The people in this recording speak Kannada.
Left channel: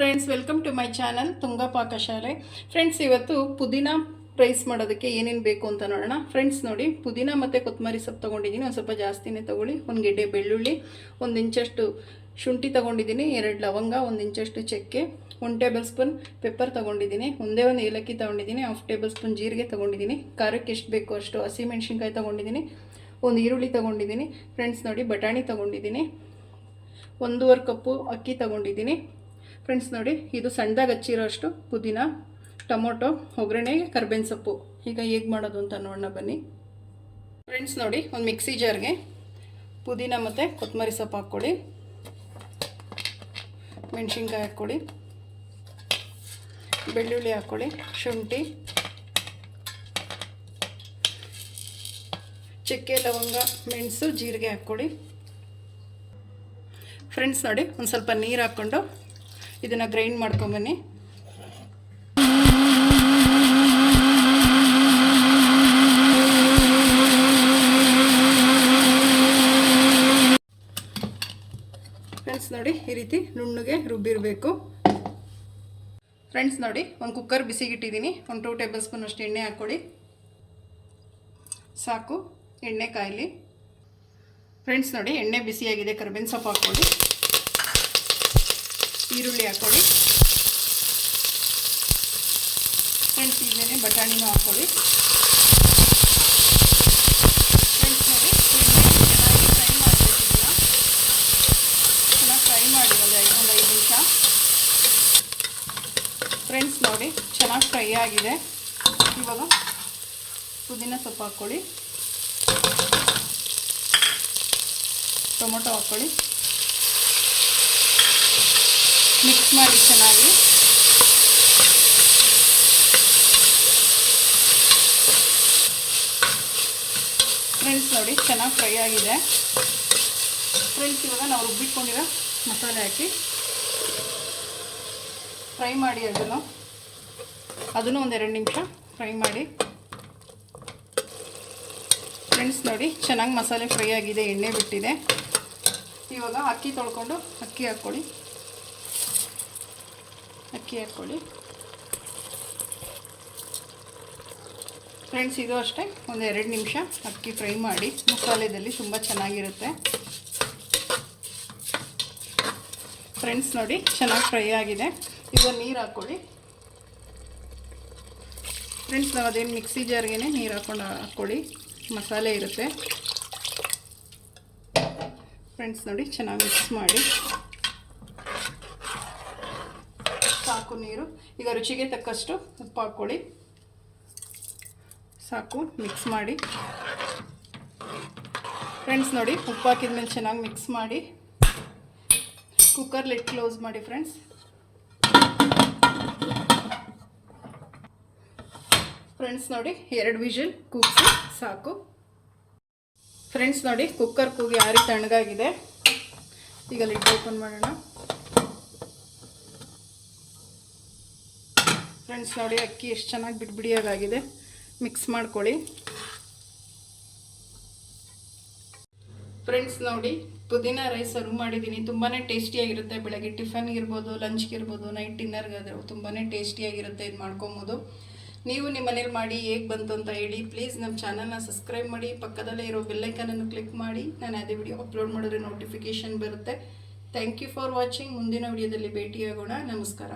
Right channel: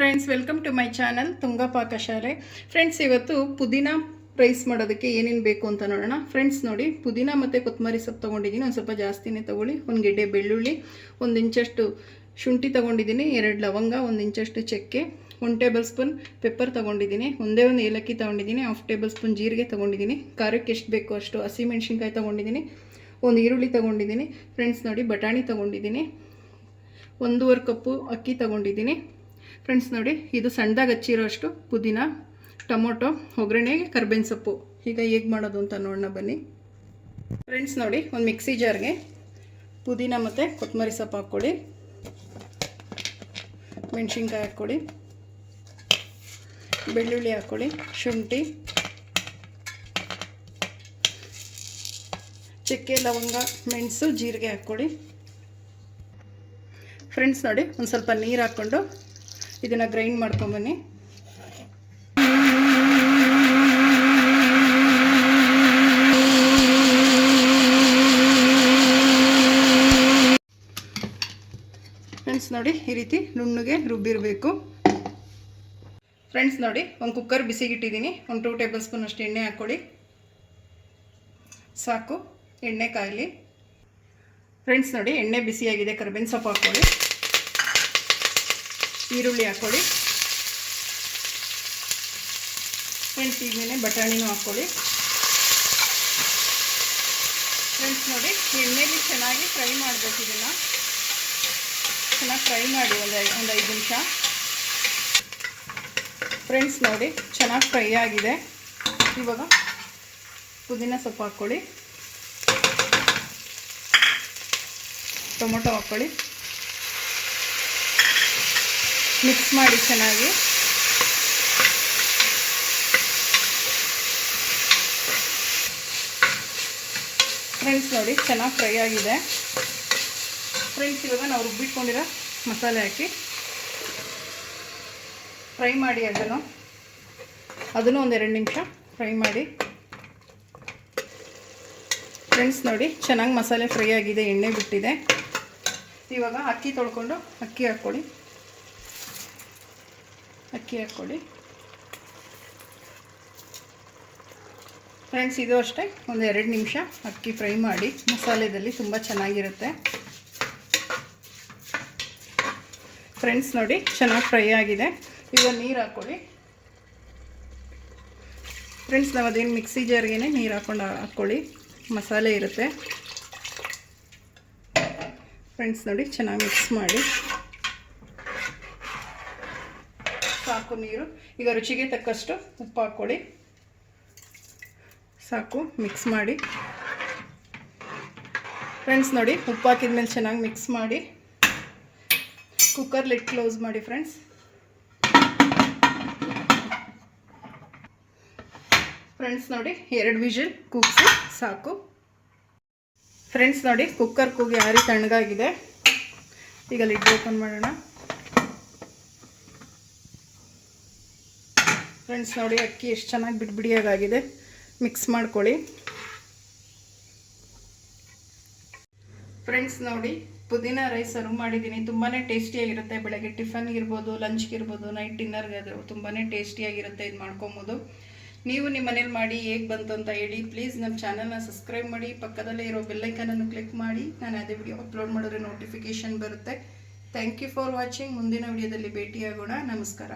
Friends, welcome to my channel Tunga Pakashale. Friends, ಇವತ್ತು ಪುದೀನಾ ರೈಸ್ ಮಾಡೋದಕ್ಕೆ ಏನೇನು ಬೇಕು ಅಂತ ನೋಡೋಣ. ಫ್ರೆಂಡ್ಸ್ ನೋಡಿ, ಪುದೀನಾ ಮತ್ತು ಕೊತ್ತಂಬರಿ ಸೊಪ್ಪು ತೊಗೊಂಡಿದ್ದೀನಿ. ಒಂದು ಸ್ವಲ್ಪ ಜಾಸ್ತಿನೇ ತೊಗೊಳ್ಳಿ. ಒಂದು ಗೆಡ್ಡೆ ಬೆಳ್ಳುಳ್ಳಿ, 1 ಇಂಚಷ್ಟು ಶುಂಠಿ ತೊಗೊಂಡಿದ್ದೀನಿ, 2 ಲವಂಗ, 1 ಇಂಚಷ್ಟು ಚಕ್ಕೆ, 1 ಟೇಬಲ್ ಸ್ಪೂನ್ ಪೆಪ್ಪರ್ ತೊಗೊಂಡಿದ್ದೀನಿ, ಒಂದೇ ಒಂದು ಏಲಕ್ಕಿ ತೊಗೊಂಡಿದ್ದೀನಿ, 1/2 ಟೇಬಲ್ ಸ್ಪೂನ್ ಜೀರಿಗೆ ತೊಗೊಂಡಿದ್ದೀನಿ, ಖಾರಕ್ಕೆ ಎಷ್ಟು ಬೇಕೋ ಅಷ್ಟು ಹಸಿಮೆಣ್ಸಿನ್ಕಾಯಿ ತೊಗೊಂಡಿದ್ದೀನಿ, 1 ಈರುಳ್ಳಿ ತೊಗೊಂಡಿದ್ದೀನಿ. ಫ್ರೆಂಡ್ಸ್ ನೋಡಿ, ಬಟಾಣಿ ತೊಗೊಂಡಿದ್ದೀನಿ, 1.5 ಕಪ್ಪು ಅಕ್ಕಿ ತೊಗೊಂಡಿದ್ದೀನಿ. ಫ್ರೆಂಡ್ಸ್ ನೋಡಿ, ಇದು ಸಣ್ಣದಾಗಿ ಹಚ್ಚಿರೋ ಅಷ್ಟು ಪುದೀನ, ಟೊಮೊಟೊ, ಒಗ್ಗರಣೆಗೆ ಕರ್ಬೇವಿನ ಸೊಪ್ಪು. ಈಗ ಹೇಗೆ ಮಾಡೋದು ಅಂತ ನೋಡೋಣ ಬನ್ನಿ. ಫ್ರೆಂಡ್ಸ್ ನೋಡಿ, ಒಂದು ಮಿಕ್ಸಿ ಜಾರ್ಗೆ ಪುದೀನ ಮತ್ತು ಕೊತ್ತಂಬರಿ ಸೊಪ್ಪು ಹಾಕ್ಕೊಳ್ಳಿ, ಮೆಣಸಿನ್ಕಾಯಿ ಹಾಕ್ಕೊಳ್ಳಿ, ಬೆಳ್ಳುಳ್ಳಿ ಹಾಕ್ಕೊಳ್ಳಿ, ಶುಂಠಿ, ಚಕ್ಕೆ, ಲವಂಗ, ಮೆಣಸು, ಜೀರಿಗೆ ಹಾಕ್ಕೊಳ್ಳಿ. ಫ್ರೆಂಡ್ಸ್ ನೋಡಿ, ಒಂದು ಸ್ವಲ್ಪ ನೀರು ಹಾಕ್ಕೊಂಡು ಇದನ್ನು ಗ್ರೈಂಡ್ ಮಾಡ್ಕೊಂಬನ್ನಿ. ಫ್ರೆಂಡ್ಸ್ ನೋಡಿ, ಈ ರೀತಿ ನುಣ್ಣಗೆ ರುಬ್ಬಿರಬೇಕು. ಫ್ರೆಂಡ್ಸ್ ನೋಡಿ, ಒಂದು ಕುಕ್ಕರ್ ಬಿಸಿಗಿಟ್ಟಿದ್ದೀನಿ. 1-2 ಟೇಬಲ್ ಸ್ಪೂನ್ ಅಷ್ಟು ಎಣ್ಣೆ ಹಾಕ್ಕೊಳ್ಳಿ. ಸಾಕು, ಎಣ್ಣೆ ಕಾಯಲಿ. ಫ್ರೆಂಡ್ಸ್ ನೋಡಿ, ಎಣ್ಣೆ ಬಿಸಿಯಾಗಿದೆ. ಕರ್ಬೇವಿನ ಸೊಪ್ಪು ಹಾಕ್ಕೊಳ್ಳಿ, ಈರುಳ್ಳಿ ಹಾಕ್ಕೊಳ್ಳಿ. ಫ್ರೆಂಡ್ಸ್, ಈಗಲೇ ಬಟಾಣಿನೂ ಹಾಕ್ಕೊಳ್ಳಿ. ಫ್ರೆಂಡ್ಸ್ ನೋಡಿ, ಎಣ್ಣೆಗೆ ಚೆನ್ನಾಗಿ ಫ್ರೈ ಮಾಡ್ಕೊತಿದ್ದೀನ. ಚೆನ್ನಾಗಿ ಫ್ರೈ ಮಾಡಿ ಒಂದು 5 ನಿಮಿಷ. ಫ್ರೆಂಡ್ಸ್ ನೋಡಿ, ಚೆನ್ನಾಗಿ ಫ್ರೈ ಆಗಿದೆ. ಇವಾಗ ಪುದೀನ ಸೊಪ್ಪು ಹಾಕ್ಕೊಳ್ಳಿ, ಟೊಮೊಟೊ ಹಾಕ್ಕೊಳ್ಳಿ, ಮಿಕ್ಸ್ ಮಾಡಿ ಚೆನ್ನಾಗಿ. ಫ್ರೆಂಡ್ಸ್ ನೋಡಿ, ಚೆನ್ನಾಗಿ ಫ್ರೈ ಆಗಿದೆ. ಫ್ರೆಂಡ್ಸ್, ಇವಾಗ ನಾವು ರುಬ್ಬಿಟ್ಕೊಂಡಿರೋ ಮಸಾಲೆ ಹಾಕಿ ಫ್ರೈ ಮಾಡಿ. ಅದನ್ನು ಒಂದು 2 ನಿಮಿಷ ಫ್ರೈ ಮಾಡಿ. ಫ್ರೆಂಡ್ಸ್ ನೋಡಿ, ಚೆನ್ನಾಗಿ ಮಸಾಲೆ ಫ್ರೈ ಆಗಿದೆ, ಎಣ್ಣೆ ಬಿಟ್ಟಿದೆ. ಇವಾಗ ಅಕ್ಕಿ ತೊಳ್ಕೊಂಡು ಅಕ್ಕಿ ಹಾಕ್ಕೊಳ್ಳಿ. ಫ್ರೆಂಡ್ಸ್, ಇದು ಅಷ್ಟೇ ಒಂದು 2 ನಿಮಿಷ ಅಕ್ಕಿ ಫ್ರೈ ಮಾಡಿ. ಮಸಾಲೆದಲ್ಲಿ ತುಂಬ ಚೆನ್ನಾಗಿರುತ್ತೆ. ಫ್ರೆಂಡ್ಸ್ ನೋಡಿ, ಚೆನ್ನಾಗಿ ಫ್ರೈ ಆಗಿದೆ. ಈಗ ನೀರು ಹಾಕ್ಕೊಳ್ಳಿ. ಫ್ರೆಂಡ್ಸ್, ನಾವು ಅದೇನು ಮಿಕ್ಸಿ ಜಾರ್ಗೆ ನೀರು ಹಾಕ್ಕೊಳ್ಳಿ, ಮಸಾಲೆ ಇರುತ್ತೆ. ಫ್ರೆಂಡ್ಸ್ ನೋಡಿ, ಚೆನ್ನಾಗಿ ಮಿಕ್ಸ್ ಮಾಡಿ. ಸಾಕು ನೀರು. ಈಗ ರುಚಿಗೆ ತಕ್ಕಷ್ಟು ಉಪ್ಪು ಹಾಕ್ಕೊಳ್ಳಿ. ಸಾಕು, ಮಿಕ್ಸ್ ಮಾಡಿ. ಫ್ರೆಂಡ್ಸ್ ನೋಡಿ, ಉಪ್ಪು ಹಾಕಿದ ಮೇಲೆ ಚೆನ್ನಾಗಿ ಮಿಕ್ಸ್ ಮಾಡಿ. ಕುಕ್ಕರ್ ಲಿಡ್ ಕ್ಲೋಸ್ ಮಾಡಿ. ಫ್ರೆಂಡ್ಸ್ ನೋಡಿ, 2 ವಿಷಲ್ ಕೂಗಿಸಿ ಸಾಕು. ಫ್ರೆಂಡ್ಸ್ ನೋಡಿ, ಕುಕ್ಕರ್ ಕೂಗಿ ಆರಿ ತಣ್ಣಗಾಗಿದೆ. ಈಗ ಲಿಡ್ ಓಪನ್ ಮಾಡೋಣ. ಫ್ರೆಂಡ್ಸ್ ನೋಡಿ, ಅಕ್ಕಿ ಎಷ್ಟು ಚೆನ್ನಾಗಿ ಬಿಡಿಯಾಗಿದೆ. ಮಿಕ್ಸ್ ಮಾಡ್ಕೊಳ್ಳಿ. ಫ್ರೆಂಡ್ಸ್ ನೋಡಿ, ಪುದೀನಾ ರೈಸ್ ಸರ್ವ್ ಮಾಡಿದ್ದೀನಿ. ತುಂಬಾ ಟೇಸ್ಟಿಯಾಗಿರುತ್ತೆ. ಬೆಳಗ್ಗೆ ಟಿಫನ್ಗಿರ್ಬೋದು, ಲಂಚ್ಗಿರ್ಬೋದು, ನೈಟ್ ಡಿನ್ನರ್ಗಾದರೂ ತುಂಬಾ ಟೇಸ್ಟಿಯಾಗಿರುತ್ತೆ. ಇದು ಮಾಡ್ಕೊಬೋದು. ನೀವು ನಿಮ್ಮ ಮನೇಲಿ ಮಾಡಿ ಹೇಗೆ ಬಂತು ಅಂತ ಹೇಳಿ. ಪ್ಲೀಸ್ ನಮ್ಮ ಚಾನಲ್ನ ಸಬ್ಸ್ಕ್ರೈಬ್ ಮಾಡಿ, ಪಕ್ಕದಲ್ಲೇ ಇರೋ ಬೆಲ್ಲೈಕನನ್ನು ಕ್ಲಿಕ್ ಮಾಡಿ. ನಾನು ಅದೇ ವಿಡಿಯೋ ಅಪ್ಲೋಡ್ ಮಾಡಿದ್ರೆ ನೋಟಿಫಿಕೇಷನ್ ಬರುತ್ತೆ. Thank you for watching. ಮುಂದಿನ ವಿಡಿಯೋದಲ್ಲಿ ಭೇಟಿಯಾಗೋಣ. ನಮಸ್ಕಾರ.